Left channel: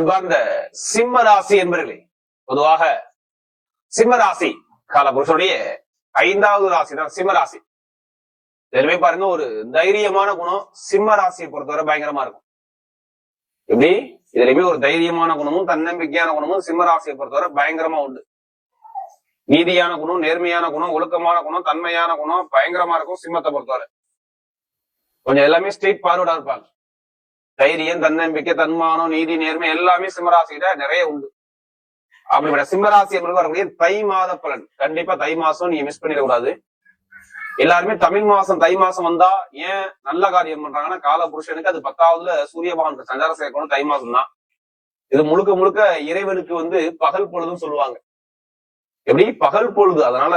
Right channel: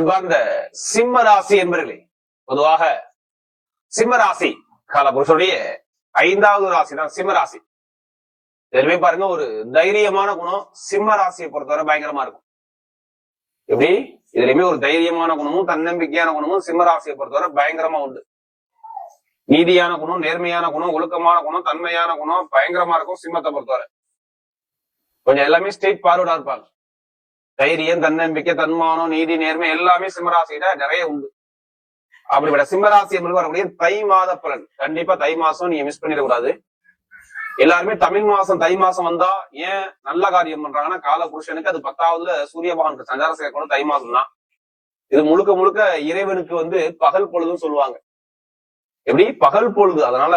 அன்பார்ந்த சிம்ம ராசி என்பர்களே, பொதுவாக சிம்ம ராசி காலபுருஷனுடைய 5வது ராசி தான் சிம்ம ராசி. இதுலயுமே பாருங்க, ஒரு தைரியமான குணம் சிம்ம ராசியை பொறுத்தவரை பயங்கரமா இருக்கும். எப்படி இதுலயுமே ஒரு தைரியமான குணமும் தன்னம்பிக்கையான குணமும் சிம்ம ராசியை பொறுத்தவரை பயங்கரமா உண்டு. நீதியான குணம், நேர்மையான குணம், ஒழுக்கமான குணம், தன்மையான குணம் பயங்கரமா இருக்கும் சிம்மத்தை பொறுத்தவரை. கொஞ்சம் எல்லாமே ஸ்ட்ரெயிட் ஃபார்வர்டா இருப்பாங்க. தைரியம், தன்னம்பிக்கை, தன்மானம், நீதி, நேர்மை எல்லாமே சிம்மராசியில நிறைய உண்டு. அப்படிப்பட்ட சிம்மராசி என்பது வரக்கூடிய தை மாத பலன். கண்டிப்பா தை மாசம் நீங்க மிஸ் பண்ணிடக்கூடாது. எல்லாருமே தமிழ் மாசம் தை மாசம் வந்தா ஏன் நல்ல காரியம் பண்றாங்கன்னா, கால புருஷனுக்கு அது 10வதுல சூரிய பகவானுக்கு சஞ்சார சேர்க்கணும் தை மாசம் தான். இது முழுக்க முழுக்க இறைவனுக்கு பகல் பொழுதுன்னு சொல்லுவாங்க. எப்படி பகல் பொழுது, அதனால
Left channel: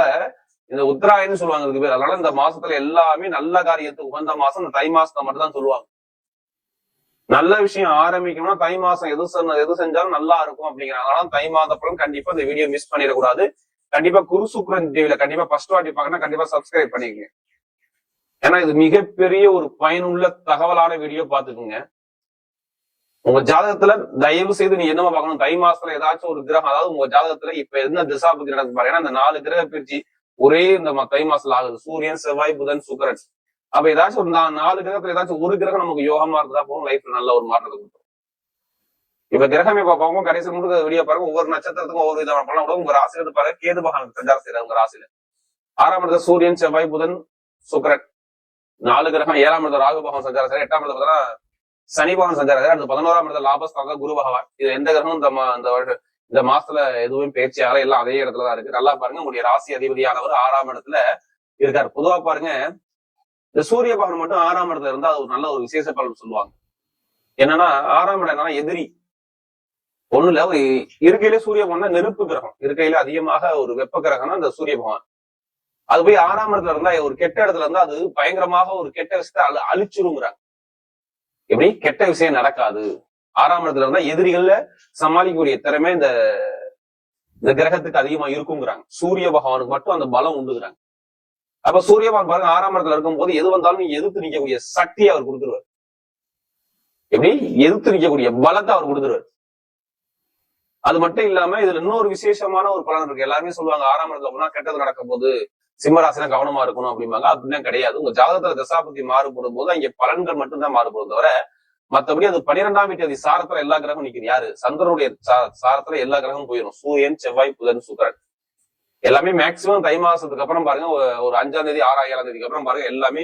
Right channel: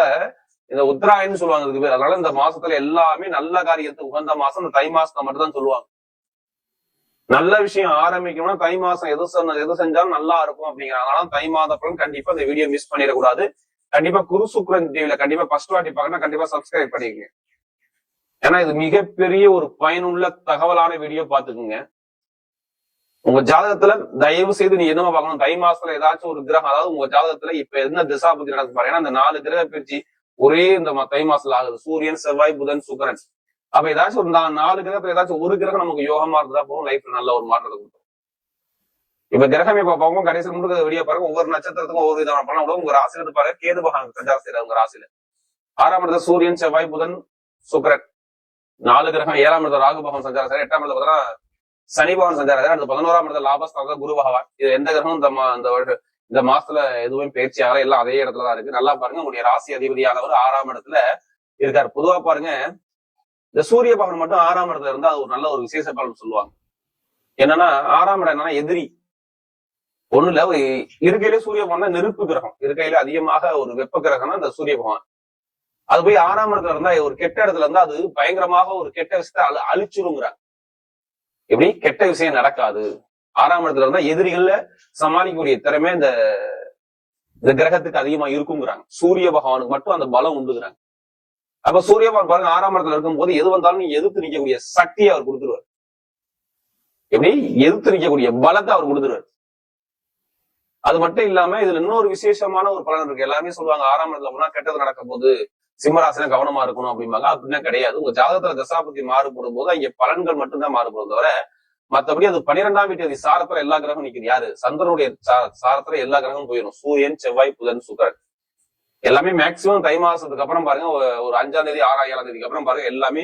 இந்த உத்தராயன்னு சொல்லுவாங்க இதுக்கு பேர். அதனால இந்த மாசத்துல எல்லாமே நல்ல காரியத்துக்கு உகந்த மாசம் இந்த தை மாசத்தை மட்டும் தான் சொல்லுவாங்க. நல்ல விஷயம் ஆரம்பிக்கணும்னா தை மாசம் எது செஞ்சாலும் நல்லா இருக்கும் அப்படிங்கிறாங்க. அதனால தை மாத பலன் கண்டிப்பா இந்த வீடியோ மிஸ் பண்ணிடக்கூடாது. கண்டிப்பா குரு சுக்ரன் டிவில கண்டிப்பா ஃபர்ஸ்ட் வாட்டி பார்க்கணும், கண்டிப்பா சப்ஸ்கிரைப் பண்ணிக்கங்க. ஏன்னா இது மிகப்பெரிய ஒரு பயனுள்ள தகவலான வீடியோ பாத்துக்குங்க. உங்க ஜாதகத்துல தயவு செய்து நீ என்னமா பார்க்கணும், தை மாசத்துல ஏதாச்சும் ஒரு கிரகம், அதாவது உங்க ஜாதகத்துல இப்ப என்ன திசாபுத்தி நடக்கு பாருங்க. ஏன்னா இந்த 4 கிரக பிரிச்சு ஒரே இந்த தை மாசத்துல ஆகுது. சூரியன், செவ்வாய், புதன், சுக்கிரன். அப்ப ஏதாச்சும் ஒரு 4 கிரகத்துல ஏதாச்சும் ஒரு கிரகம் நமக்கு யோகமா இருந்தா போகும், லைஃப்ல நல்ல ஒரு மாற்றத்தை கொடுக்கும். இப்ப கிரகமே பார்ப்பாங்க, கடைசி முழுக்க வீடியோ பாருங்க. ஒவ்வொரு நட்சத்திரத்துக்கும் ஒவ்வொரு விதமான பலன் கூட. உங்க ராசியில இருந்து பாருங்க, கேது பகவான் சஞ்சாரம் செய்யறாரு உங்க ராசியில. 6ஆம் இடத்துல சூரியன், செவ்வாய், புதன், சுக்கிரன் 4 கிரகம். 7ஆம் இடத்துல ராகு பகவான் சஞ்சாரம் செய்யறாரு. 8ஆம் இடத்துல பார்த்தீங்கன்னா சனி பகவான் சஞ்சாரம். அடுத்து 11ஆம் இடத்துல லாபஸ்தானத்துல குரு பகவான். இது எந்த கிரகமும் இந்த மாசத்துல எதுவும் பயிற்சி ஆகல, எல்லாம் அதே இடத்துலதான் இருக்கு. நல்லா பாருங்க, உங்களுடைய ராசி அதிபதியானவர் 6ஆம் இடத்துல இருக்காரு. பொதுவா பாருங்க, இந்த சூரிய பகவான் மட்டும் 6ஆம் இடத்துல இருந்தா அது ஒரு நல்ல ஒரு விசேஷ பலன் சொல்லுவாங்க. என்னன்னா 6ஆம் இடம் என்னன்னா எதிரி ஒண்ணுல ஒரு இருக்கையில சூரிய பகவான் நெருப்பு கிரகம், இருக்கையில அதிகமாக ஒரு வெப்ப கிரகம்னா இந்த சூரிய பகவான். அது போய் 6ஆம் இடத்துல இருந்தா ஒரு கெட்ட இடத்துல இருந்தா அது பயங்கரமாக ஒரு கெட்ட விஷயத்த அழிச்சுருங்கிறாங்க. எப்படி கெட்ட விஷயம் நடக்காது. 6ஆம் இடத்துல இருந்தா எதிரிகள்ல சமாளிக்கக்கூடிய திறமை இந்த கிரகத்துக்கு அதிகமா இருக்குங்கிறாங்க. சூரிய பகவானுக்கு மட்டும் அந்த பலம் உண்டுங்கிறாங்க. அப்ப சூரிய பகவான் பாருங்க 6ஆம் இடத்துல இருக்கும் போது எது வந்தாலும் நீ எதிர்த்து நிக்கக்கூடிய சக்தியை அவர் கொடுத்துருவார். எப்படி எதிர்த்து நிக்கக்கூடிய பலத்தை அவர் கொடுத்துருவார். அது மட்டும் இல்லாம இதுல இன்னொரு விசேஷமான ஒரு பலன் இருக்கு. எல்லாருமே சொல்லுவாங்க 6ஆம் இடத்துல போனா கெட்டது நடக்கும் போது சிம்மராசில கவனமா இருக்கணும் அப்படிம்பாங்க. அப்படின்னா கிடையாது. உங்க ஜாதகத்துல தசாபதி மாறுபடும் போது அங்க பலன்கள் மட்டும்தான் மாறுபடும் தவிர மத்தபடி அது 12ஆம் வீட்டு சாரத்துல எல்லா கிரகம் நிக்குது. யாரு? சந்திரனுடைய சாரத்துல எல்லா கிரகமும் போயிடும். சூரியன், செவ்வாய், புதன், சுக்கிரன் எல்லாமே மேக்சிமம் தை மாசத்துக்கு அப்புறம் பாருங்க, ஒரு 5ஆம் தேதி 6ஆம் 7ஆம் தேதிக்கு அப்புறம் பாருங்க எல்லாமே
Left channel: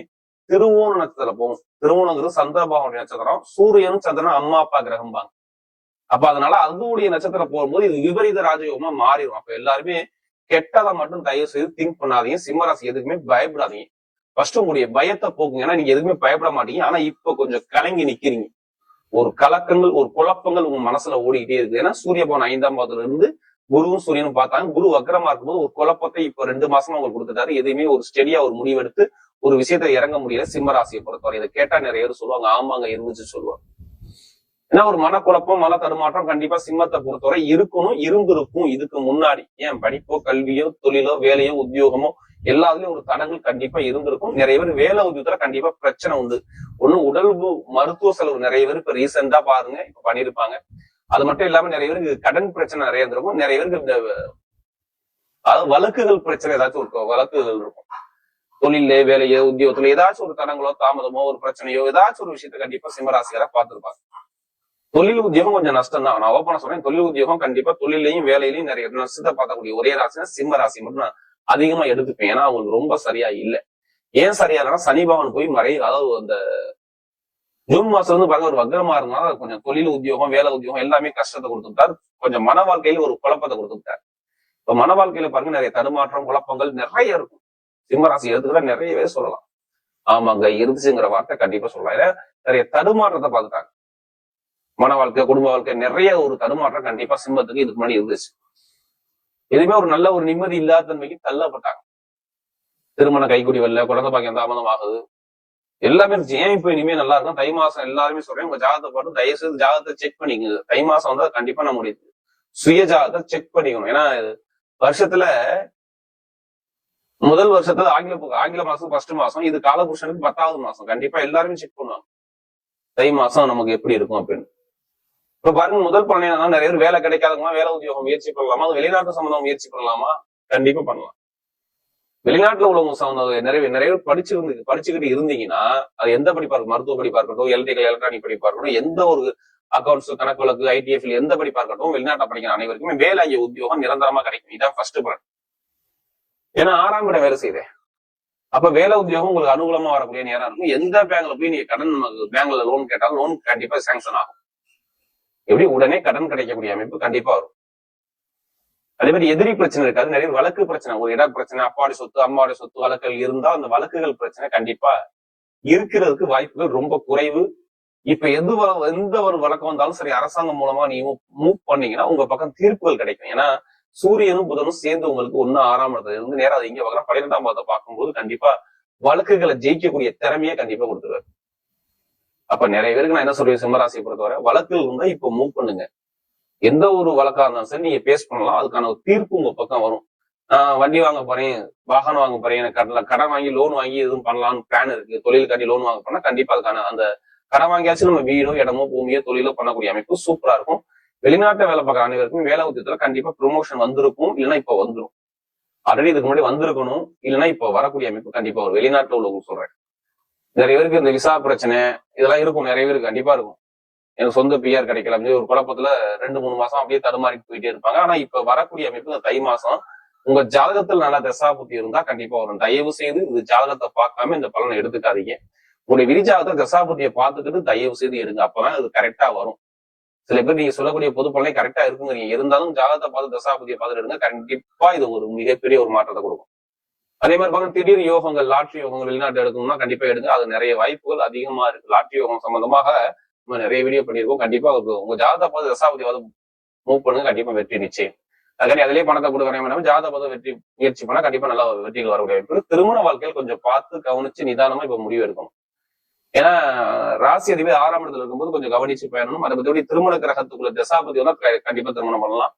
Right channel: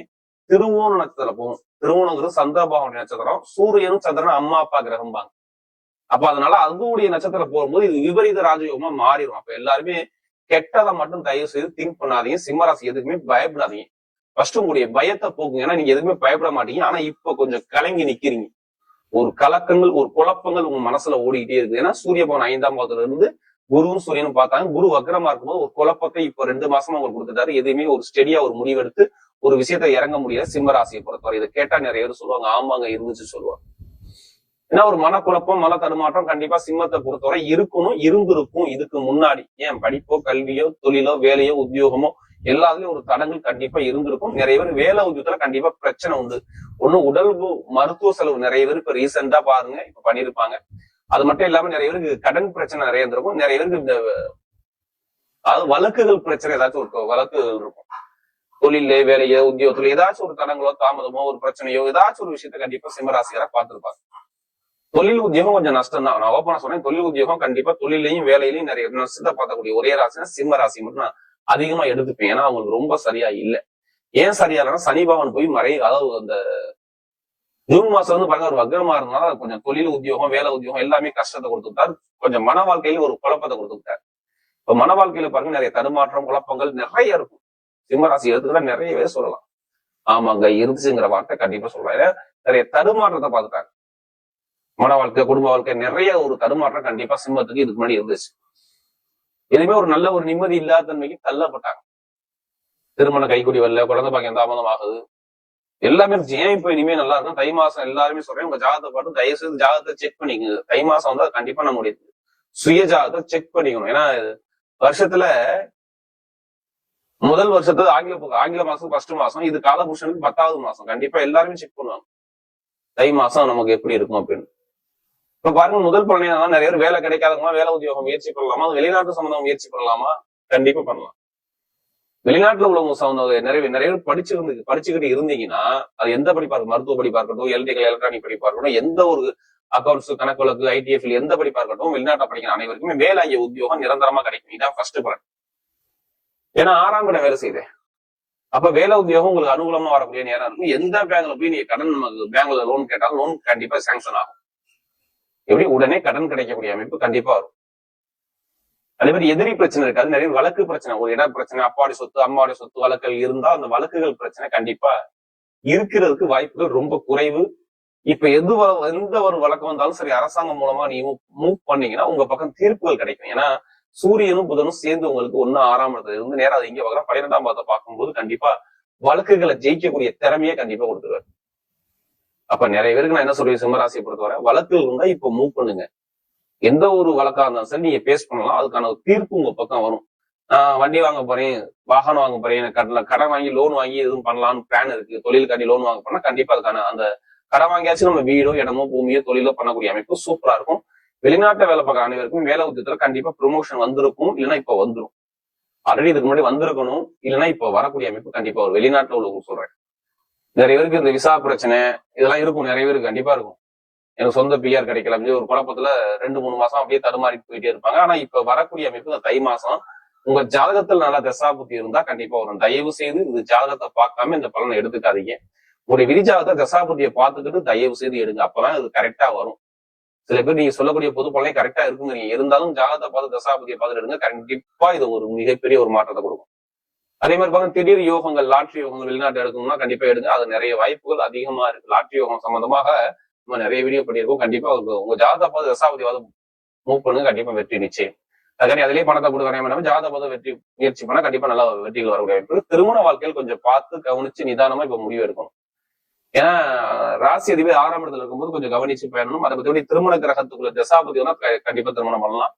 திருவோண நட்சத்திரம் போகும். திருவோணங்கிறது சந்திர பகவானுடைய நட்சத்திரம். சூரியனும் சந்திரனும் அம்மா அப்பா கிரகம் பாங்க. அப்ப அதனால அதுடைய நட்சத்திரம் போகும்போது இது விபரீத ராஜயோகமா மாறிடும். அப்ப எல்லாருமே கெட்டதை மட்டும் தயவு செய்து திங்க் பண்ணாதீங்க. சிம்மராசி எதுக்குமே பயப்படாதீங்க. ஃபர்ஸ்ட் உங்களுடைய பயத்தை போக்குங்க. ஏன்னா நீங்க எதுக்குமே பயப்பட மாட்டீங்க. ஆனா இப்ப கொஞ்சம் கலங்கி நிக்கிறீங்க. ஒரு கலக்கங்கள், ஒரு குழப்பங்கள் உங்க மனசுல ஓடிக்கிட்டே இருக்கு. ஏன்னா சூரிய பகவான் 5ஆம் பாவத்துல இருந்து குருவும் சூரியனும் பார்த்தாங்க. குரு வக்கரமா இருக்கும்போது ஒரு குழப்பத்தை இப்ப 2 மாசமா உங்களுக்கு கொடுத்துட்டாரு. எதுவுமே ஒரு ஸ்டெடியா ஒரு முடிவெடுத்து ஒரு விஷயத்த இறங்க முடியல சிம்மராசியை பொறுத்தவரை. இதை கேட்டா நிறைய பேர் சொல்லுவாங்க, ஆமாங்க இருந்துச்சு சொல்லுவாங்க. ஏன்னா ஒரு மனக்குழப்பம், மன தடுமாற்றம் கண்டிப்பா சிம்மத்தை பொறுத்தவரை இருக்கணும், இருந்திருக்கும். இதுக்கு முன்னாடி ஏன் படிப்போ, கல்வியோ, தொழிலோ, வேலையோ, உத்தியோகமோ எல்லாத்துலயும் ஒரு தடங்கள் கண்டிப்பா இருந்திருக்கும். நிறைய பேர் வேலை உத்தியோகத்துல கண்டிப்பா பிரச்சனை உண்டு. ஒண்ணு உடல் மருத்துவ செலவு நிறைய பேர் இப்ப ரீசெண்டா பாருங்க இப்ப பண்ணிருப்பாங்க. அது மட்டும் இல்லாம நிறைய பேருக்கு கடன் பிரச்சனை நிறைய இருந்திருக்கும். நிறைய பேருக்கு இந்த அதாவது வழக்குகள் பிரச்சனை ஏதாச்சும் இருக்கும், வழக்குகள் இருக்கும். தொழில, வேலையோ, உத்தியோகத்துல ஏதாச்சும் ஒரு தடங்களோ, தாமதமோ, ஒரு பிரச்சனையோ ஏதாச்சும் ஒரு விஷயத்த கண்டிப்பா சிம்மராசியார பார்த்திருப்பாங்க. தொழில் உத்தியோகம் கொஞ்சம் நஷ்டம் தான். நான் ஓப்பனா சொல்றேன், தொழில் உத்தியோகம் கண்டிப்பா தொழிலையும் வேலையிலையும் நிறைய நஷ்டத்தை பார்க்கக்கூடிய ஒரே ராசினா சிம்ம ராசி மட்டும் நான் அதிகமா எடுத்துப்பேன். ஏன்னா அவங்களுக்கு ரொம்ப சரியா இல்லை. ஏன் சரியா இல்லைன்னா சனி பகவான் போய் அதாவது அந்த ஜூன் மாசம் வந்து பாருங்க ஒரு வக்ரமா இருந்தாலும் கொஞ்சம் தொழில் உத்தியோகம், வேலை உத்தியோகம் எல்லாமே கஷ்டத்தை கொடுத்துட்டாரு. கொஞ்சம் மன வாழ்க்கையில ஒரு குழப்பத்தை கொடுத்துட்டாரு. இப்ப மன வாழ்க்கையில பாருங்க நிறைய தடுமாற்றம், குழப்பங்கள் நிறைய இருக்கும். சிம்மராசி எடுத்துக்கிட்ட நிறையவே சொல்லலாம். ஆமாங்க இருந்துச்சுங்கிற வார்த்தை கண்டிப்பா சொல்லலாம். ஏன்னா நிறைய தடுமாற்றத்தை பார்த்துட்டாங்க. மன வாழ்க்கை, குடும்ப வாழ்க்கை நிறைய ஒரு தடுமாற்றம் கண்டிப்பா சிம்மத்துக்கு இதுக்கு முன்னாடி இருந்துச்சு. எதுவுமே ஒரு நல்ல ஒரு நிம்மதி இல்லாத தன்மைக்கு தள்ளப்பட்டாங்க. திருமணம் கைகூடி வரல, குழந்தை பாக்கியம் தாமதம் ஆகுது, எல்லாமே ஏன் இப்ப இனிமே நல்லா இருக்கும். தை மாசம் எல்லாருமே சொல்றேன், உங்க ஜாதகத்தை பாட்டு தயவு செய்து ஜாதகத்தை செக் பண்ணிக்கங்க. தை மாசம் வந்தா கண்டிப்பா நம்முடைய சுய ஜாதகத்தை செக் பண்ணிக்கணும். ஏன்னா வருஷத்துல முதல் வருஷத்துல ஆங்கில மாசம் ஃபர்ஸ்ட் மாசம், இது காலபுருஷனுக்கு 10வது மாசம். கண்டிப்பா எல்லாருமே செக் பண்ணுவாங்க தை மாசம் நமக்கு எப்படி இருக்கும் அப்படின்னு. இப்ப பாருங்க, முதல் பலன் என்னன்னா, நிறைய பேர் வேலை கிடைக்காதவங்க வேலை உத்தியோகம் முயற்சி பண்ணலாமா, அது வெளிநாட்டு சம்பந்தம் முயற்சி பண்ணலாமா? கண்டிப்பா பண்ணலாம். வெளிநாட்டுல உள்ள நிறைய பேர் படிச்சுக்கிட்டு இருந்தீங்கன்னா, அது எந்த படிப்பா இருக்கும், மருத்துவ படிப்பா இருக்கட்டும், எலக்ட்ரிக்கல் எலக்ட்ரானிக் படிப்பா இருக்கட்டும், எந்த ஒரு அக்கௌண்ட்ஸ், கணக்கு வழக்கு, ITF எந்த படிப்பா இருக்கட்டும், வெளிநாட்டை படிக்கிற அனைவருக்குமே வேலை உத்தியோகம் நிரந்தரமா கிடைக்கும். இதான் ஃபர்ஸ்ட் பலன். ஏன்னா 6ஆம் இடம் வேலை செய்யுது. அப்ப வேலை உத்தியோகம் உங்களுக்கு அனுகூலமா வரக்கூடிய நேரம் இருக்கும். எந்த பேங்க்ல போய் நீங்க கடன் பேங்க்ல லோன் கேட்டாலும் லோன் கண்டிப்பா சாங்ஷன் ஆகும். எப்படி உடனே கடன் கிடைக்கக்கூடிய அமைப்பு கண்டிப்பா வரும். அதே மாதிரி எதிரி பிரச்சனை இருக்காது. நிறைய வழக்கு பிரச்சனை, ஒரு இட பிரச்சனை, அப்பாடி சொத்து அம்மாவுடைய சொத்து வழக்குகள் இருந்தா அந்த வழக்குகள் பிரச்சனை கண்டிப்பா இருக்கிறதுக்கு வாய்ப்புகள் ரொம்ப குறைவு. இப்ப எந்த ஒரு வழக்கம் வந்தாலும் சரி, அரசாங்கம் மூலமா நீங்க மூவ் பண்ணீங்கன்னா உங்க பக்கம் தீர்ப்புகள் கிடைக்கும். ஏன்னா சூரியனும் புதனும் சேர்ந்து உங்களுக்கு 6ஆம் இடத்துல இருந்து நேரம் இங்க பார்க்கலாம். 12ஆம் பாதத்தை பார்க்கும்போது கண்டிப்பா வழக்குகளை ஜெயிக்கக்கூடிய திறமையை கண்டிப்பா கொடுத்துருவாரு. அப்ப நிறைய பேருக்கு நான் என்ன சொல்றேன், சிம்மராசியை பொறுத்தவரை வழக்குகள் இருந்தா இப்ப மூவ் பண்ணுங்க. எந்த ஒரு வழக்கா இருந்தாலும் சரி நீங்க பேஸ் பண்ணலாம். அதுக்கான ஒரு தீர்ப்பு உங்க பக்கம் வரும். வண்டி வாங்க போறேன், வாகனம் வாங்க போறேன், எனக்கு கடன் வாங்கி லோன் வாங்கி எதுவும் பண்ணலாம்னு பிளான் இருக்கு, தொழிலுக்காண்டி லோன் வாங்க போனா கண்டிப்பா அதுக்கான அந்த கடன் வாங்கியாச்சும் நம்ம வீடோ இடமோ பூமியோ தொழிலோ பண்ணக்கூடிய அமைப்பு சூப்பரா இருக்கும். வெளிநாட்டுல வேலை பார்க்குற அனைவருக்கும் வேலை உத்தியத்துல கண்டிப்பா ப்ரொமோஷன் வந்திருக்கும், இல்லைன்னா இப்ப வந்துடும். ஆல்ரெடி இதுக்கு முன்னாடி வந்திருக்கணும், இல்லைன்னா இப்ப வரக்கூடிய அமைப்பு கண்டிப்பா ஒரு வெளிநாட்டுல உள்ளவங்க சொல்றேன். நிறைய பேருக்கு இந்த விசா பிரச்சனை இதெல்லாம் இருக்கும், நிறைய பேருக்கு கண்டிப்பா இருக்கும். எனக்கு சொந்த PR கிடைக்கல அப்படின்னு ஒரு குழப்பத்துல 2-3 மாசம் அப்படியே தடுமாறிட்டு போயிட்டே இருப்பாங்க. ஆனா இப்ப வரக்கூடிய அமைப்பு இந்த தை மாசம் உங்க ஜாதகத்தில் நல்லா தசாபுத்தி இருந்தா கண்டிப்பா வரும். தயவு செய்து இந்த ஜாதகத்தை பார்க்காம இந்த பலனை எடுத்துக்காதீங்க. உங்களுடைய விரிஜாதகத்தை தசாபுத்தியை பார்த்துக்கிட்டு தயவு செய்து எடுங்க. அப்பதான் இது கரெக்டா வரும். சில பேர் நீங்க சொல்லக்கூடிய பொது பலனை கரெக்டா இருக்குங்கிறீங்க, இருந்தாலும் ஜாதகத்தை பார்த்து தசாபுத்தியை பார்த்துட்டு எடுங்க. கண்டிப்பா இது ஒரு மிகப்பெரிய ஒரு மாற்றத்தை கொடுக்கும். அதே மாதிரி பாருங்க, திடீர் யோகங்கள், லாட்ரி யோகங்கள் வெளிநாட்டு எடுக்கணும்னா கண்டிப்பா எடுங்க. அது நிறைய வாய்ப்புகள் அதிகமா இருக்கு. லாட்ரி யோகம் சம்பந்தமாக நம்ம நிறைய வீடியோ பண்ணியிருக்கோம். கண்டிப்பா உங்க ஜாதக பார்த்து தசாபதியாவது மூவ் பண்ணுங்க, கண்டிப்பா வெற்றி நிச்சயம். அதுக்காண்டி அதிலேயே பணத்தை கூட வரைய வேண்டாம். ஜாதக பார்த்து வெற்றி முயற்சி பண்ணா கண்டிப்பா நல்லா வெற்றிகள் வரக்கூடிய வாய்ப்பு. திருமண வாழ்க்கையில் கொஞ்சம் பார்த்து கவனிச்சு நிதானமா இப்ப முடிவு எடுக்கணும். ஏன்னா ராசி அதிபதி 6ஆம் இடத்துல இருக்கும்போது கொஞ்சம் கவனிச்சு பயணணும். அதை பத்தி திருமண கிரகத்துக்குள்ள தசாபதி கண்டிப்பா திருமணம் பண்ணலாம்.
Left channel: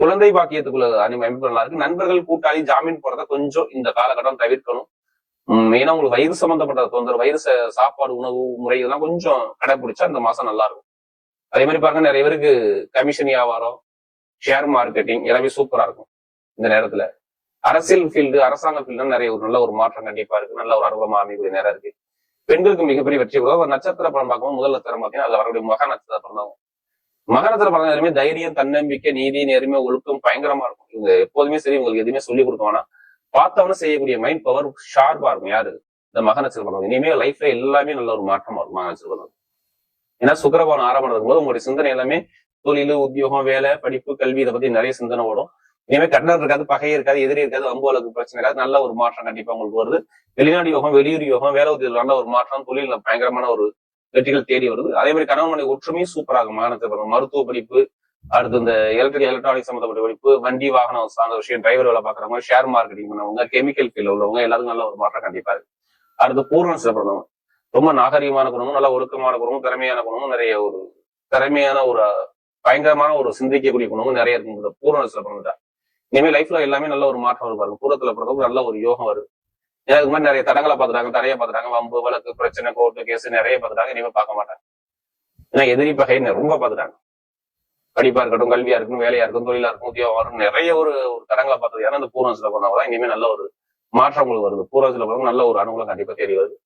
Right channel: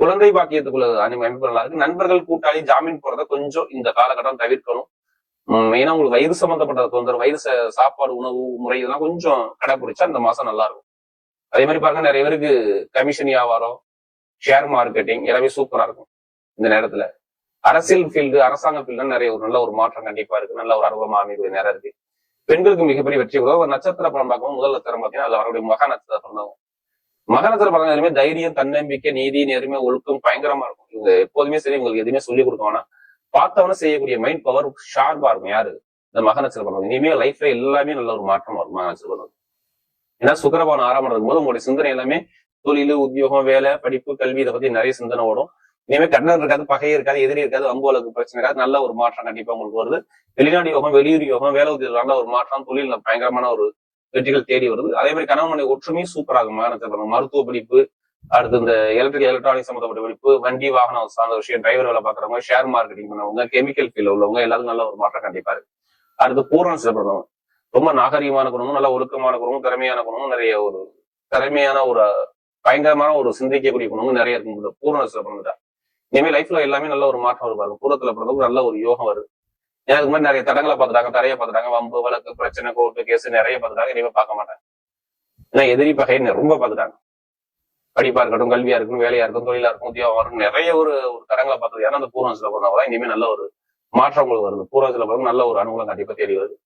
குழந்தை பாக்கியத்துக்குள்ள அமைப்பு நல்லா இருக்கு. நண்பர்கள் கூட்டாளி ஜாமீன் போறதை கொஞ்சம் இந்த காலகட்டம் தவிர்க்கணும். ஏன்னா உங்களுக்கு வயிறு சம்பந்தப்பட்ட தொந்தரவு, வயிறு சாப்பாடு உணவு முறை இதெல்லாம் கொஞ்சம் கடைபிடிச்சா இந்த மாசம் நல்லா இருக்கும். அதே மாதிரி பாருங்க, நிறைய பேருக்கு கமிஷன் வியாபாரம், ஷேர் மார்க்கெட்டிங் எல்லாமே சூப்பரா இருக்கும் இந்த நேரத்துல. அரசியல் ஃபீல்டு, அரசாங்க ஃபீல்டு நிறைய ஒரு நல்ல ஒரு மாற்றம் கண்டிப்பா இருக்கு. நல்ல ஒரு அனுபவமா அமைக்கூடிய நேரம் இருக்கு. பெண்களுக்கு மிகப்பெரிய வெற்றி பெறும். நட்சத்திர பலம் பார்க்கவும் முதல் நட்சத்திரம் பார்த்தீங்கன்னா அது அவருடைய மக நட்சத்திர பலம். மக நட்சத்திர பலம் எதுவுமே தைரியம், தன்னம்பிக்கை, நீதி, நேர்மை, ஒழுக்கம் பயங்கரமா இருக்கும். இவங்க எப்போதுமே சரி, உங்களுக்கு எதுவுமே சொல்லிக் கொடுத்தோம்னா பார்த்தவன செய்யக்கூடிய மைண்ட் பவர் ஷார்ப்பா இருக்கும். யாரு? இந்த மக நட்சத்திர பலம். இனிமே லைஃப்ல எல்லாமே நல்ல ஒரு மாற்றமா இருக்கும் மக நட்சத்திர பலம். ஏன்னா சுக்கிரபவன் 6ஆம் இடத்துக்கு போது உங்களுடைய சிந்தனை எல்லாமே தொழில், உத்தியோகம், வேலை, படிப்பு, கல்வி இதை பத்தி நிறைய சிந்தனை ஓடும். இனிமே கண்ணன் இருக்காது, பகை இருக்காது, எதிரி இருக்காது, அம்புவலுக்கு பிரச்சனை இருக்காது. நல்ல ஒரு மாற்றம் கண்டிப்பா உங்களுக்கு வருது. வெளிநாடு யோகம், வெளியூர் யோகம், வேலை உத்தியோகம் நல்ல ஒரு மாற்றம், தொழில் பயங்கரமான ஒரு வெற்றிகள் தேடி வருது. அதே மாதிரி கணவன் ஒற்றுமையும் சூப்பராகும் மக நட்சத்திரம். மருத்துவ படிப்பு, அடுத்து இந்த எலக்ட்ரிக்கல் எலக்ட்ரானிக் சம்பந்தப்பட்ட படிப்பு, வண்டி வாகனம் சார்ந்த விஷயம், டிரைவர் வேலை பாக்குறவங்க, ஷேர் மார்க்கெட்டிங் பண்ணவங்க, கெமிக்கல் ஃபீல்ட்ல உள்ளவங்க எல்லாரும் நல்ல ஒரு மாற்றம் கண்டிப்பா இருக்கு. அடுத்து பூரண சிறப்பு, ரொம்ப நாகரிகமான குணமும், நல்ல ஒழுக்கமான குணமும், திறமையான குணமும், நிறைய ஒரு திறமையான ஒரு பயங்கரமான ஒரு சிந்திக்கக்கூடிய குணமும் நிறைய இருக்கும் இந்த பூரண சிறப்பு. இனிமே லைஃப்ல எல்லாமே நல்ல ஒரு மாற்றம் இருப்பாங்க. பூரத்துல பிறந்தவங்க நல்ல ஒரு யோகம் வருது. எனக்கு மாதிரி நிறைய தடங்களை பார்த்துட்டாங்க, தரைய பார்த்துட்டாங்க, வம்பு வழக்கு பிரச்சனை, கோர்ட்டு கேஸ் நிறைய பார்த்துட்டாங்க. இனிமே பார்க்க மாட்டாங்க. ஏன்னா எதிரி பகை ரொம்ப பார்த்துட்டாங்க. படிப்பா இருக்கட்டும், கல்வியா இருக்கட்டும், வேலையா இருக்கும், தொழிலா இருக்கும், உத்தியோகம் இருக்கும், நிறைய ஒரு தடங்களை பார்த்தது. ஏன்னா அந்த பூர்வ சில பண்ணாதான் இனிமே நல்ல ஒரு மாற்றம் உங்களுக்கு வருது. பூர்வ சில பண்ண நல்ல ஒரு அனுகூலம் கண்டிப்பா தேடி வருது.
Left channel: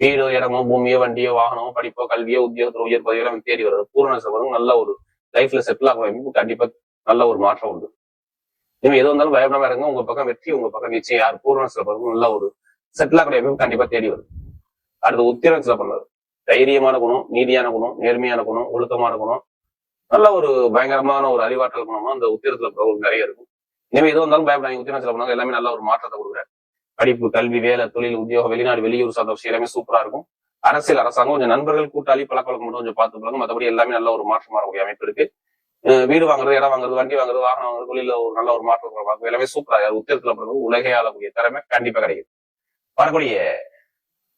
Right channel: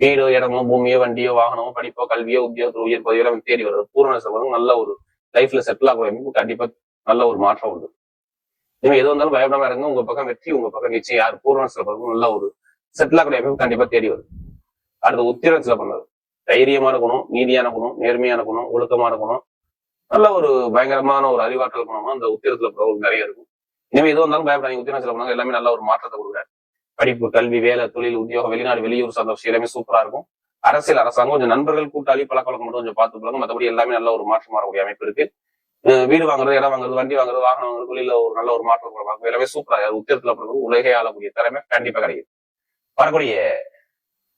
வீடோ, இடமோ, பூமியோ, வண்டியோ, வாகனமோ, படிப்போ, கல்வியோ, உத்தியோகத்தில் உயர் பதவியோ தேடி வருது. பூர்வ சில பண்ண நல்ல ஒரு லைஃப்ல செட்டில் ஆக கண்டிப்பா நல்ல ஒரு மாற்றம் உண்டு. இனிமே எது வந்தாலும் பயப்படாம இருங்க. உங்க பக்கம் வெற்றி உங்க பக்கம் நிச்சயம். யார் பூர்வ சில பண்ண நல்ல ஒரு செட்டில் ஆகக்கூடிய அமைப்பு கண்டிப்பா தேடி வருது. அடுத்து உத்திரம் சில பண்ணது தைரியமான குணம், நீதியான குணம், நேர்மையான குணம், ஒழுக்கமான குணம், நல்ல ஒரு பயங்கரமான ஒரு அறிவாற்றல் குணமா அந்த உத்திரத்துல நிறைய இருக்கும். இனிமே எது வந்தாலும் பயப்படாங்க. உத்திரம் சில பண்ணாங்க எல்லாமே நல்ல ஒரு மாற்றத்தை கொடுக்குறாரு. படிப்பு, கல்வி, வேலை, தொழில், உத்தியோகம், வெளிநாடு, வெளியூர் சார்ந்த விஷயம் எல்லாமே சூப்பரா இருக்கும். அரசியல், அரசாங்கம், கொஞ்சம் நண்பர்கள் கூட்டாளி பழக்க வழக்கம் மட்டும் கொஞ்சம் பார்த்து போறாங்க. மற்றபடி எல்லாமே நல்ல ஒரு மாற்றம் வரக்கூடிய அமைப்பு இருக்கு. வீடு வாங்குறது, இடம் வாங்குறது, வண்டி வாங்குறது, வாகனம் வாங்குறது, தொழில ஒரு நல்ல ஒரு மாற்றம் எல்லாமே சூப்பரா. உத்திரத்துல பிறகு உலகை ஆளக்கூடிய திறமை கண்டிப்பா கிடைக்குது. வரக்கூடிய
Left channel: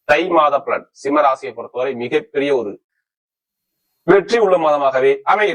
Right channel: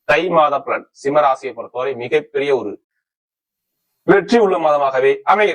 தை மாத பலன் சிம்ம ராசியை பொறுத்தவரை மிகப்பெரிய ஒரு வெற்றி உள்ள மாதமாகவே அமையும்.